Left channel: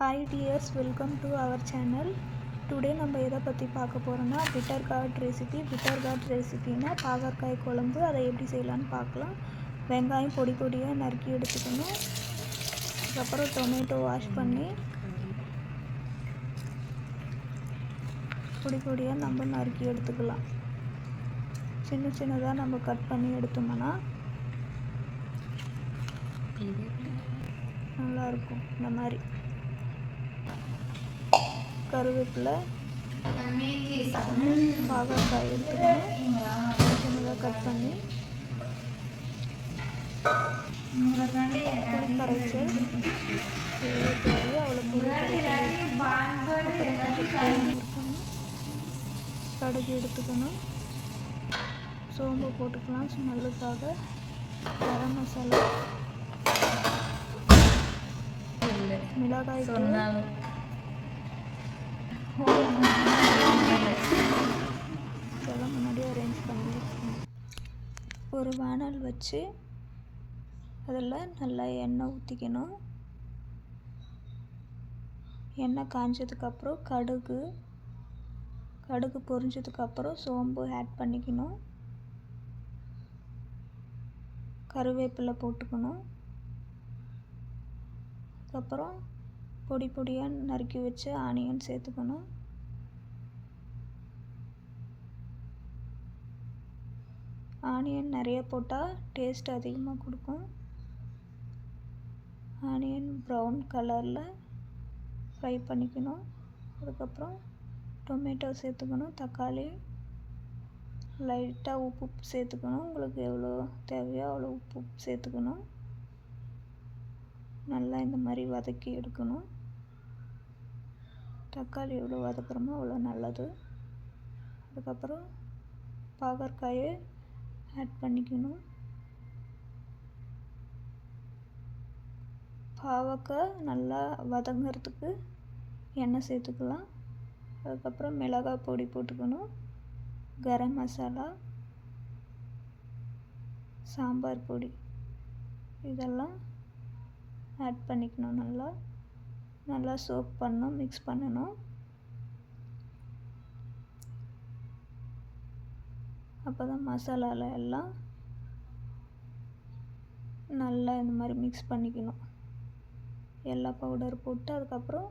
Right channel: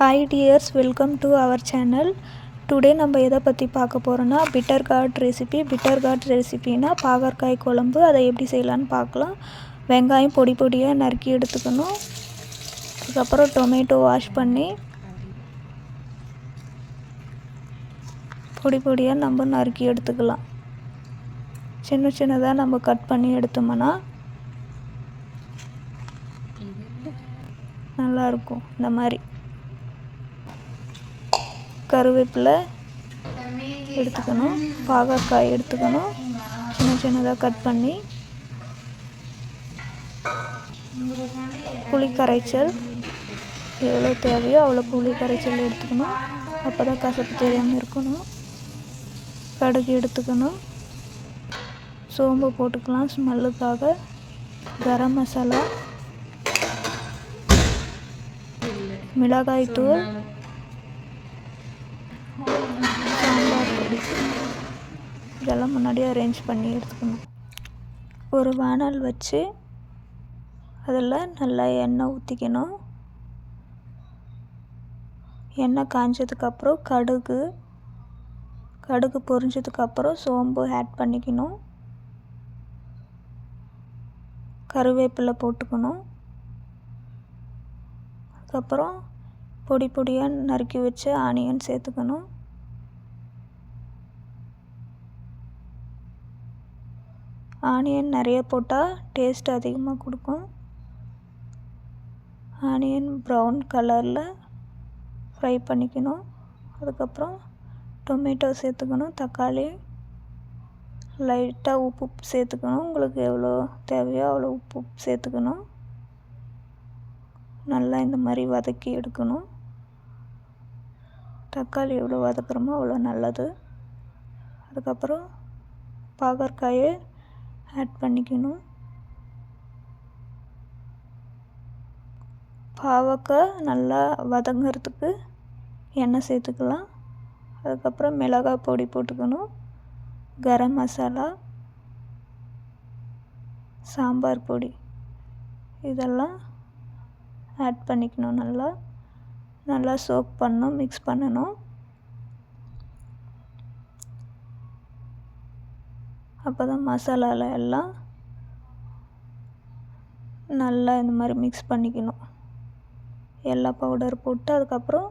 Hi dears, welcome to our channel. Today நம்ம எதை பற்றி பார்க்க போகிறோன்னா பிட்டர் கார்ட் ரெசிபினா பாகற்காய் குழம்பு. அதை எப்படி செய்யலான்னு பார்க்கலாம். வெங்காயம் பொடி பொடியாக நறுக்கி எடுத்துக்கணும். அதுக்கப்புறம் டொமேட்டோ வாஷ் பண்ணி பொடி பொடியாக நம்ம நறுக்கி எடுத்துக்கலாம். சின்ன சின்னதாக நம்ம கட் பண்ணி எடுத்தோம்னா நல்லாயிருக்கும். இந்த மாதிரி கருவேப்பிலை எடுத்துக்கணும், பாகற்காய் எடுத்துக்கணும், சின்ன சின்னதாக கட் பண்ணி புளி கரைச்சல் எவ்வளோ தேவையோ அவ்வளோ புளி கரைச்சல் எடுத்துக்கணும். அப்போ தான் கசப்பு தெரியாமல் இருக்கணும். கடுகு எடுத்துக்கணும், சோம்பு போட்டுக்கலாம் ஸ்மெல்லுக்காக, கரம் மசாலா, மிளகாய் தூள், இதெல்லாம் முன்னாடியே அரேஞ்ச் பண்ணி எடுத்துக்கணும். ஒரு வானல் வச்சு அதில் நல்லா எண்ணெய் ஊற்றிக்கணும். எண்ணெய் காஞ்சதுக்கப்புறம் கடுகு பொரிஞ்சதுக்கப்புறம் சோம்பு ஆட் பண்ணிக்கணும். கருவேப்பிலை போட்டுக்கணும். அதுக்கப்புறம் பொடி பொடியாக நறுக்கி வச்ச ஆனியன் சேர்த்துக்கணும். ஆனியன் நிறைய போட்டால் டேஸ்ட் அதிகமாக கொடுக்கும். ஆனியன் ப்ரௌன் கலரில் ஃப்ரை பண்ணிக்கணும். அதுக்கப்புறம் டொமேட்டோ சேர்த்துக்கணும், தக்காளி, லைட்டாக உப்பு சேர்த்துக்கணும். உங்களுக்கு எவ்வளோ தேவையோ அவ்வளோ உப்பு சேர்த்துக்கணும். நல்லா இந்த மாதிரி வதக்கி எடுக்கணும். தக்காளி எவ்வளோ வதக்குறோமோ அவ்வளோ நல்லது. அதுக்கப்புறம் பாகற்காயை ஆட் பண்ணிக்கணும். பாவக்காய் நல்லா வதங்கிறதுக்கு எண்ணெய் சேர்த்துக்கலாம். அதுக்கப்புறம் மிளகாய் பொடி போட்டுக்கணும், கரம் மசாலா, சாம்பார் பொடி இதெல்லாம் ஆட் பண்ணிக்கணும். நல்லா சோக் பண்ணணும், மிக்ஸ் பண்ணணும். அப்போ தான் மசாலாவில் எல்லாம் நல்லா இந்த மாதிரி மிக்ஸ் பண்ணிக்கணும். எல்லா பவுடர் போட்டு அதுக்கப்புறம்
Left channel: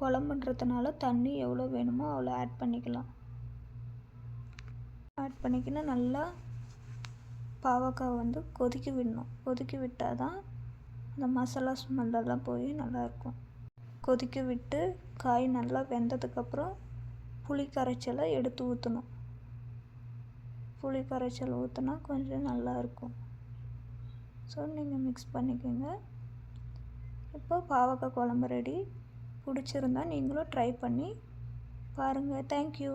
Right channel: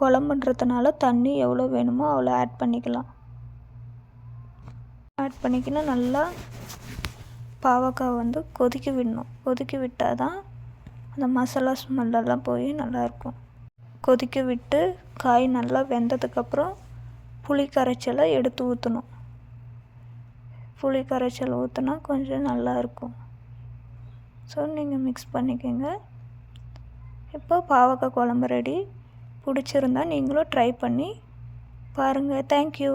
குழம்புன்றதுனால தண்ணி எவ்வளோ வேணுமோ அவ்வளோ ஆட் பண்ணிக்கணும். நல்லா பாவக்காய் கொதிக்க விடணும். கொதிக்க விட்டால் தான் அந்த மசாலா ஸ்மெல்லெல்லாம் போய் நல்லாயிருக்கும். கொதிக்க விட்டு காய் நல்லா வெந்ததுக்கப்புறம் புளி கரைச்சலை எடுத்து ஊற்றணும். புளி கரைச்சல் ஊற்றினா கொஞ்சம் நல்லாயிருக்கும். ஸோ நீங்கள் மிக்ஸ் பண்ணிக்கோங்க. இப்போ பாவக்காய் குழம்பு ரெடி. பிடிச்சிருந்தா நீங்களும் ட்ரை பண்ணி பாருங்கள். தேங்க்யூ.